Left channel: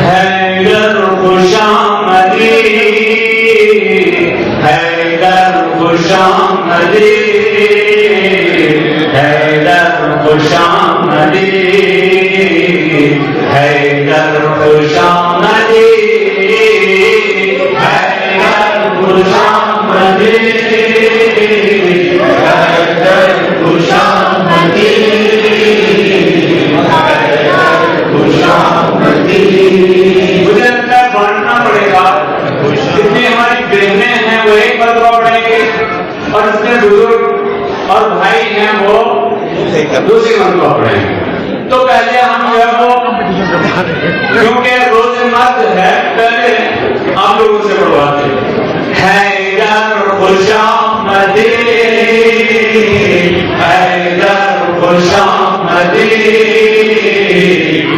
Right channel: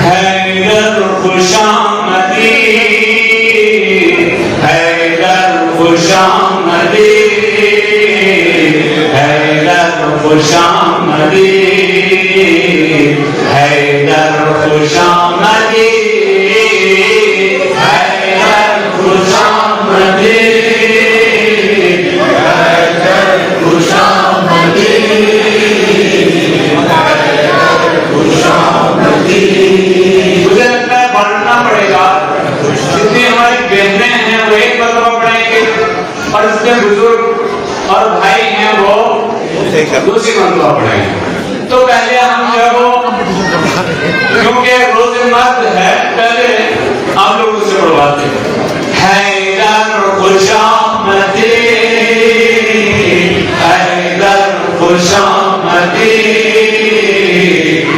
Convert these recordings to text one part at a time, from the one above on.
हैदर खुशामदी, हैदर खुशामदी, हैदर खुशामदी, हैदर खुशामदी, हैदर खुशामदी, हैदर खुशामदी, हैदर खुशामदी। मुझे लगता है पढ़ना पड़ेगा, जितनी हमारी बहनें हैं वो एक कलमा पढ़ेंगे और उसके बुजुर्ग और भाई हैं वो दूसरी कलमा पढ़ेंगे। तो पहले हम जब क्योंकि रोज मत है, पहले आप लोगों से पढ़वाते हैं। हैदर खुशामदी, हैदर खुशामदी,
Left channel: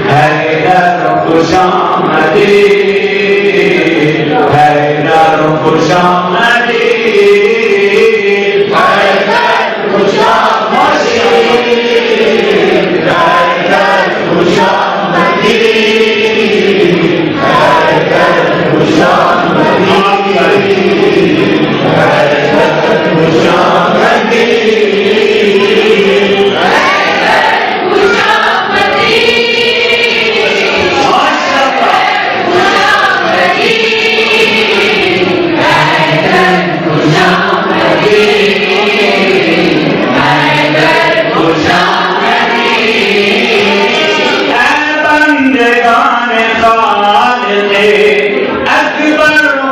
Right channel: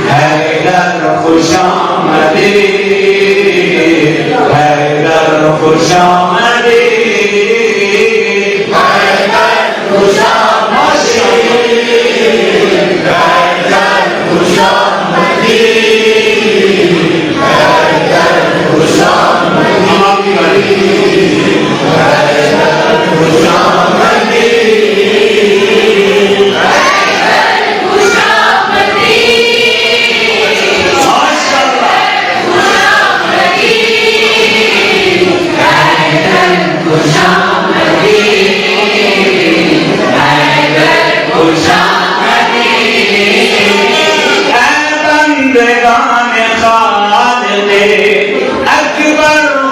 हैदर खुशामदी, हैदर खुशामदी, हैदर खुशामदी, हैदर खुशामदी, हैदर खुशामदी, हैदर खुशामदी,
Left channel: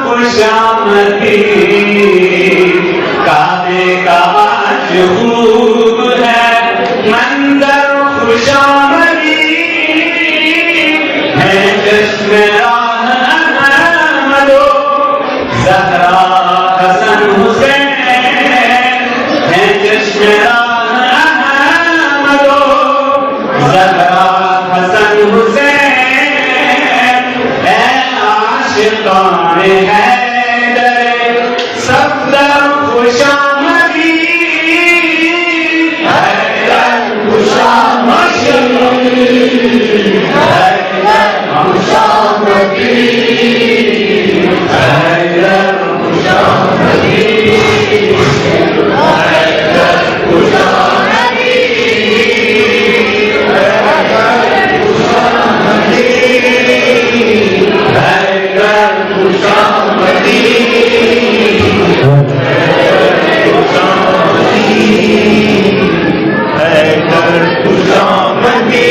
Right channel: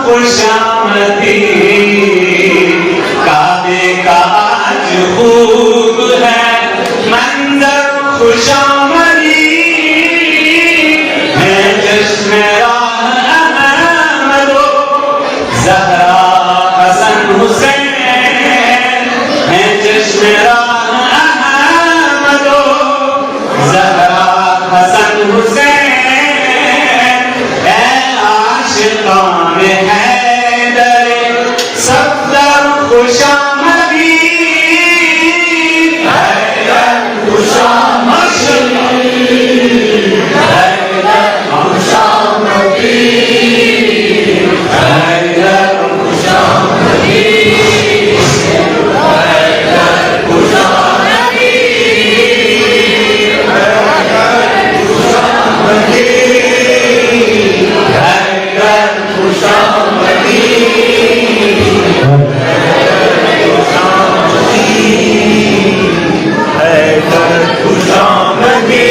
खुशामदी। काबे का आज खूब है मंजर खुशामदी, है जिसमें राह अहमदो ज़हरा हसन हुसैन, है जिसमें राह अहमदो ज़हरा हसन हुसैन, है आशिक़ान हैदर सफ़दर खुशामदी, हैदर खुशामदी, हैदर खुशामदी, हैदर खुशामदी, हैदर खुशामदी, हैदर खुशामदी, हैदर खुशामदी, हैदर खुशामदी।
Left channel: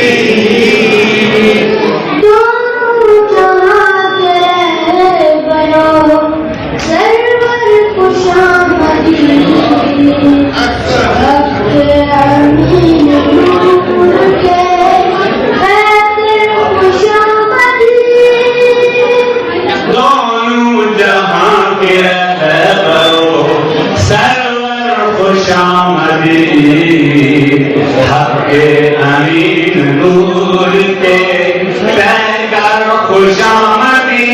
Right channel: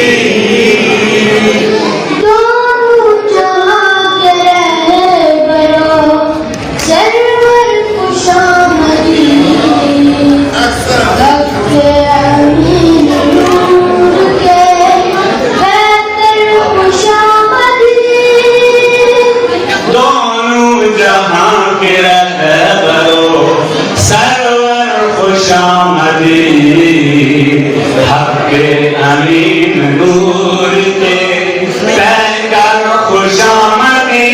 हक़े अमीन नूर के पैकर खुशामदी,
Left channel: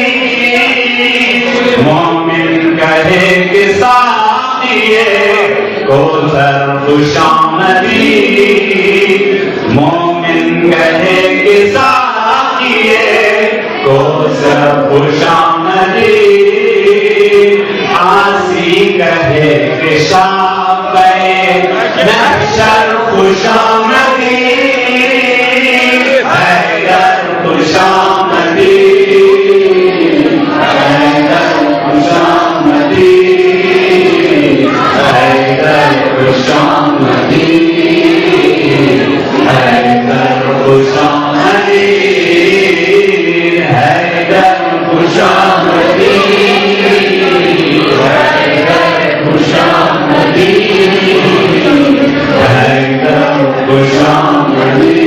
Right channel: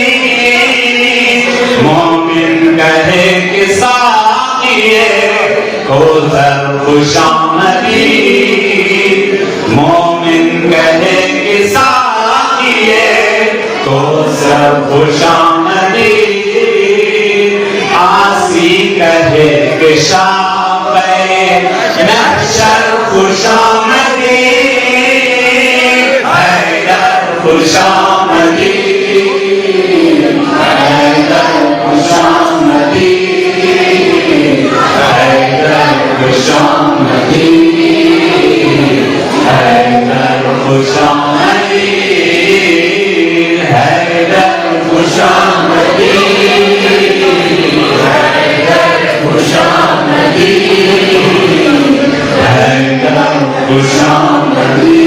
मोमिन कहे कि साक़िए कौसर खुशामदी, मोमिन कहे कि साक़िए कौसर खुशामदी, आसी कहे कि महशर खुशामदी, हैदर खुशामदी, हैदर खुशामदी, हैदर खुशामदी, हैदर खुशामदी, हैदर खुशामदी, हैदर खुशामदी, हैदर खुशामदी,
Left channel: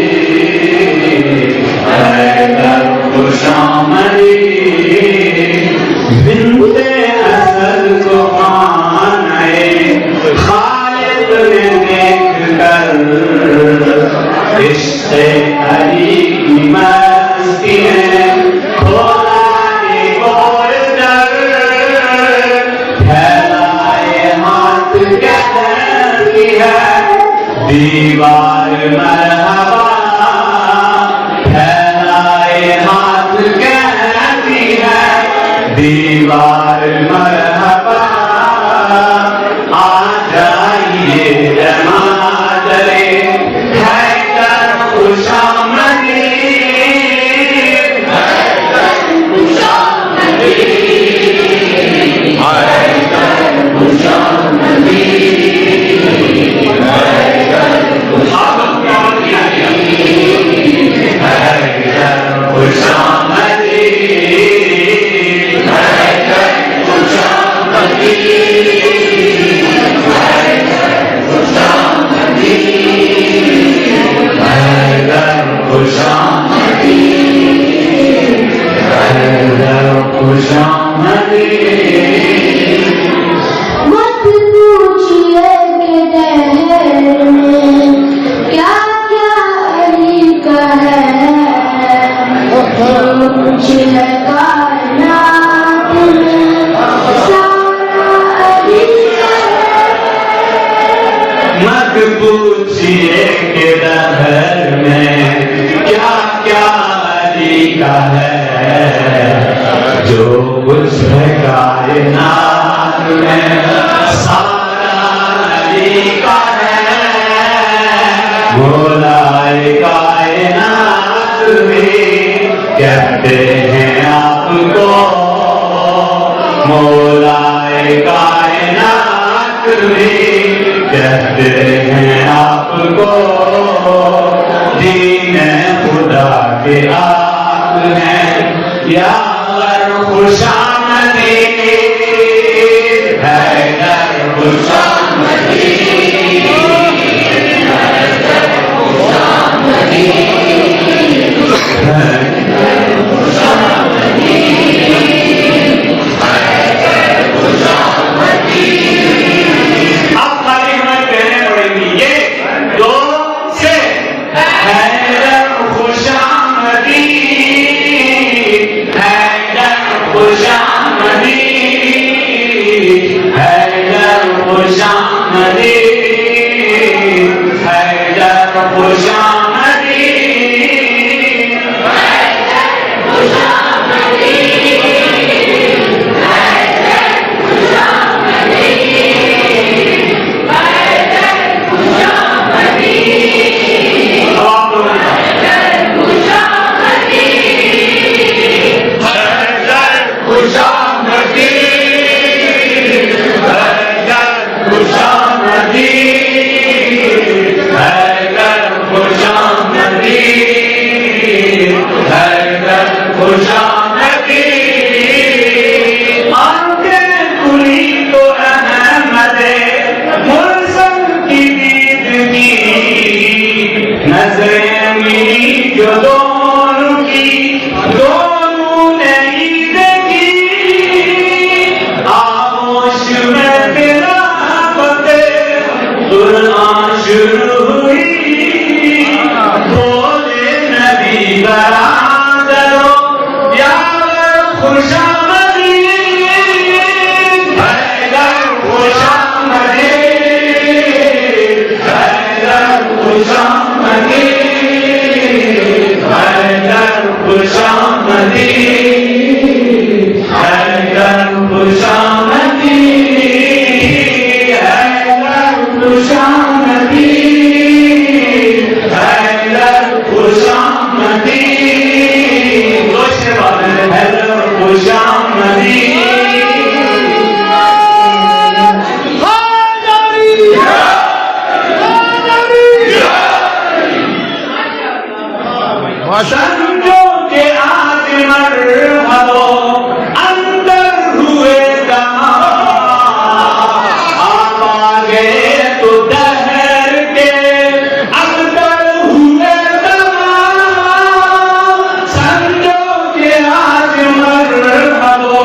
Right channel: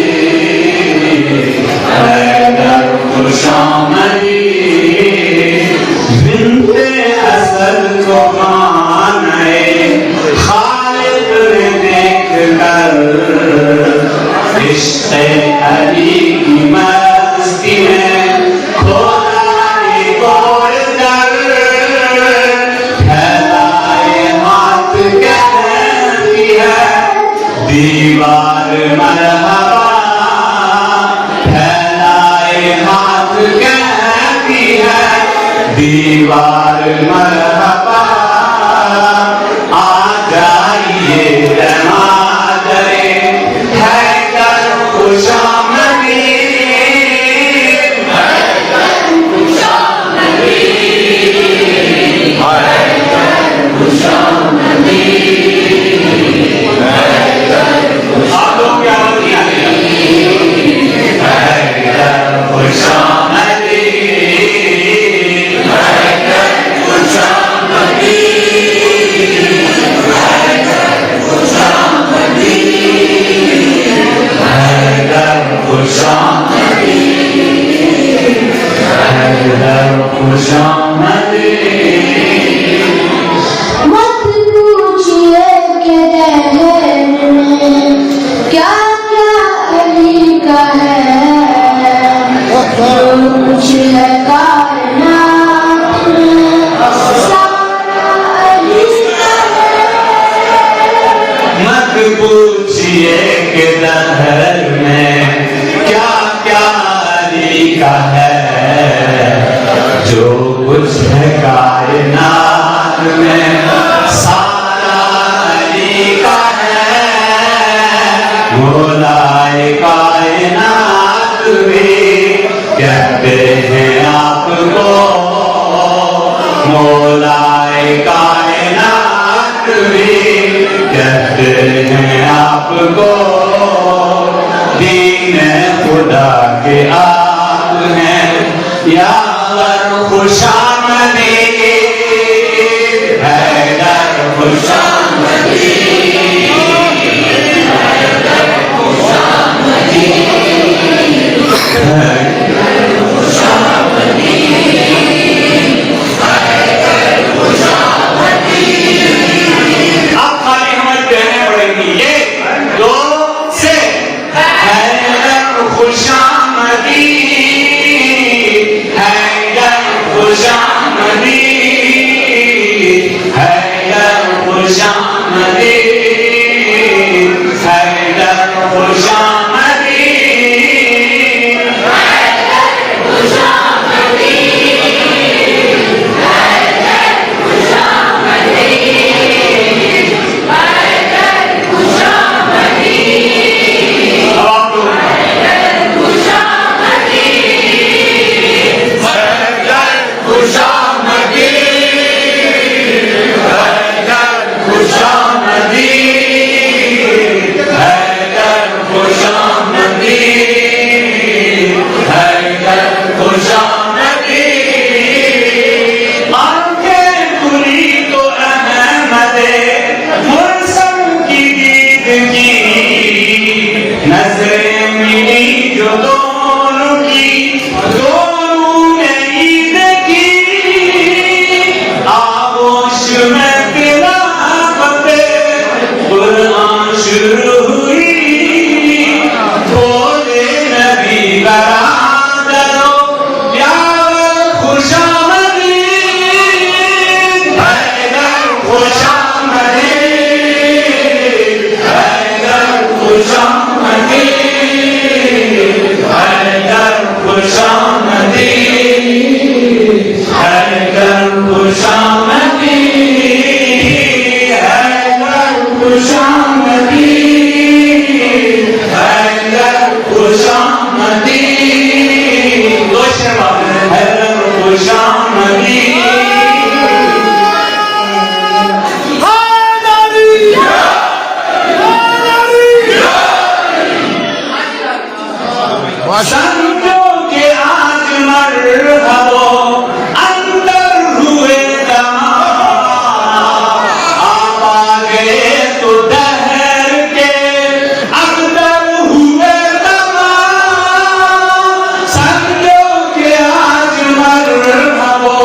हैदर खुशामदी। बिन्ते असद को आने खालिद ने देख कर, इश्क़े अली की मस्ती में खोला गोल दर, फैलाए हाथ कहती है दीवार मरहबा, फैलाए हाथ कहती दीवार मरहबा आ जाइए जनाजरे हैदर खुशामदी हैदर खुशामदी हैदर खुशामदी हैदर खुशामदी हैदर खुशामदी मत पूछिए कि दहर में क्या क्या अली का है, कुछ है कायनात में सारा अली का है। मत पूछिए कि दहर में क्या क्या अली का है, जो कुछ है कायनात में सारा अली का है। मौलाए कायनात भी कहते हैं आपको, मौलाए कायनात भी कहते हैं आपको। दीन खुदा के आप हैं यार खुशामदी हैदर खुशामदी हैदर खुशामदी हैदर खुशामदी हैदर खुशामदी। अब खाली हमें कहने पड़ेंगी ये दो से हैदर खुशामदी हैदर खुशामदी हैदर खुशामदी हैदर खुशामदी अब आप लोग खुशामदी हैदर खुशामदी हैदर खुशामदी हैदर खुशामदी। आंखें खुली तो अहमदे मुर्सम की दीद की, नजरें मिली जो दोनों की दोनों ने ईद की। आगोश में तिलावते कुरान शुरू हुई, बोले नबी बरादरो यार खुशामदी हैदर खुशामदी हैदर खुशामदी हैदर खुशामदी हैदर खुशामदी हैदर खुशामदी हैदर खुशामदी। दो शेर हैदर खुशामदी समझो के आज मरहबो अंदर हुए तमाम, आप आ गए तो दहर के अंदर हुए तमाम। समझो के आज मरहबो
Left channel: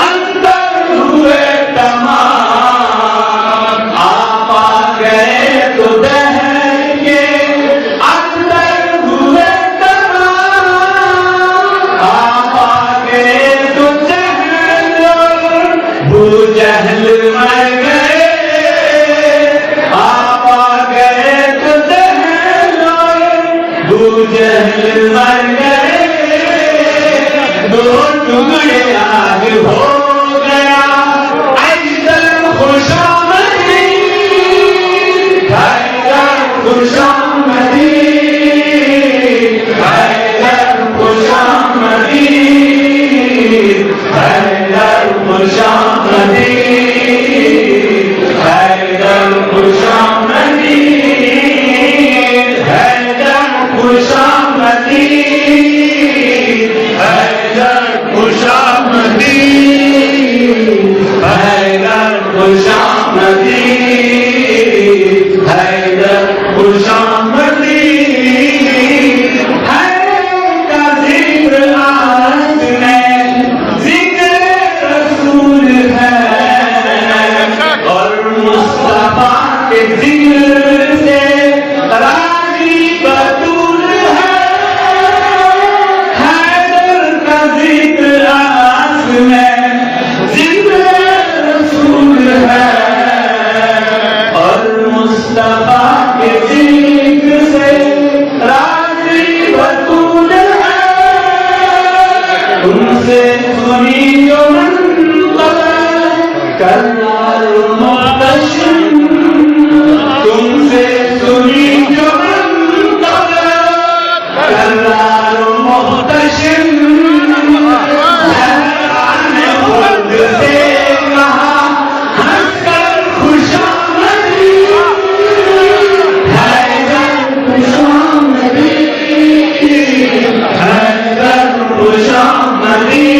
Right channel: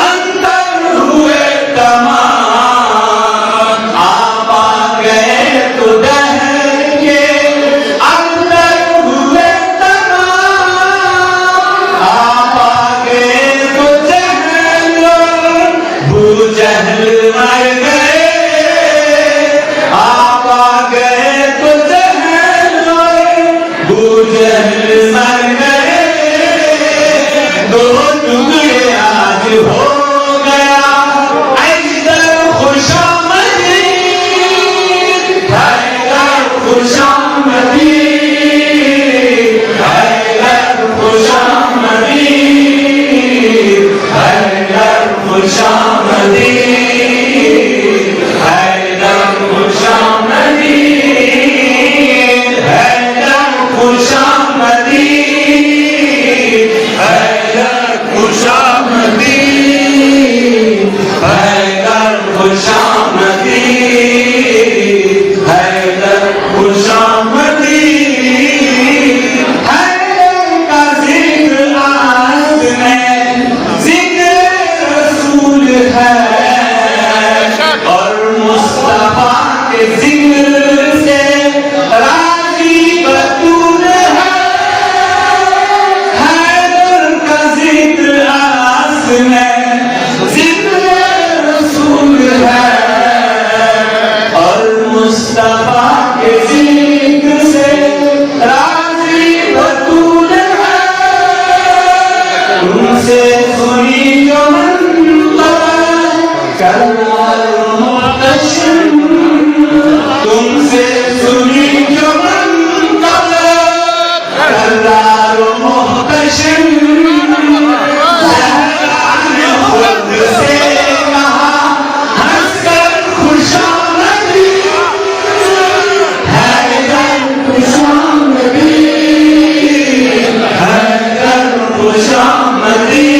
अंदर हुए तमाम, आप आ गए तो दहर के अंदर हुए आप आ गए तो जहल मर गए, आप आ गए तो जहल मर गए। युग ये आज हो गया हैदर खुशामदी हैदर खुशामदी हैदर खुशामदी हैदर खुशामदी हैदर खुशामदी हैदर खुशामदी हैदर खुशामदी हैदर खुशामदी हैदर खुशामदी हैदर का जिक्र आज में जिक्र रसूल है और मुस्तफा के जिक्र से राजी बतूल है हैदर का जिक्र आज में जिक्र रसूल है और मुस्तफा के जिक्र से राजी बतूल है तुमसे सुनी जो मंतज़र करार मुहतशम तुमसे सुनी जो मंतज़र करार मुहतशम ज़हरा ने खुद से कहा हंसकर खुशामदी हैदर खुशामदी हैदर खुशामदी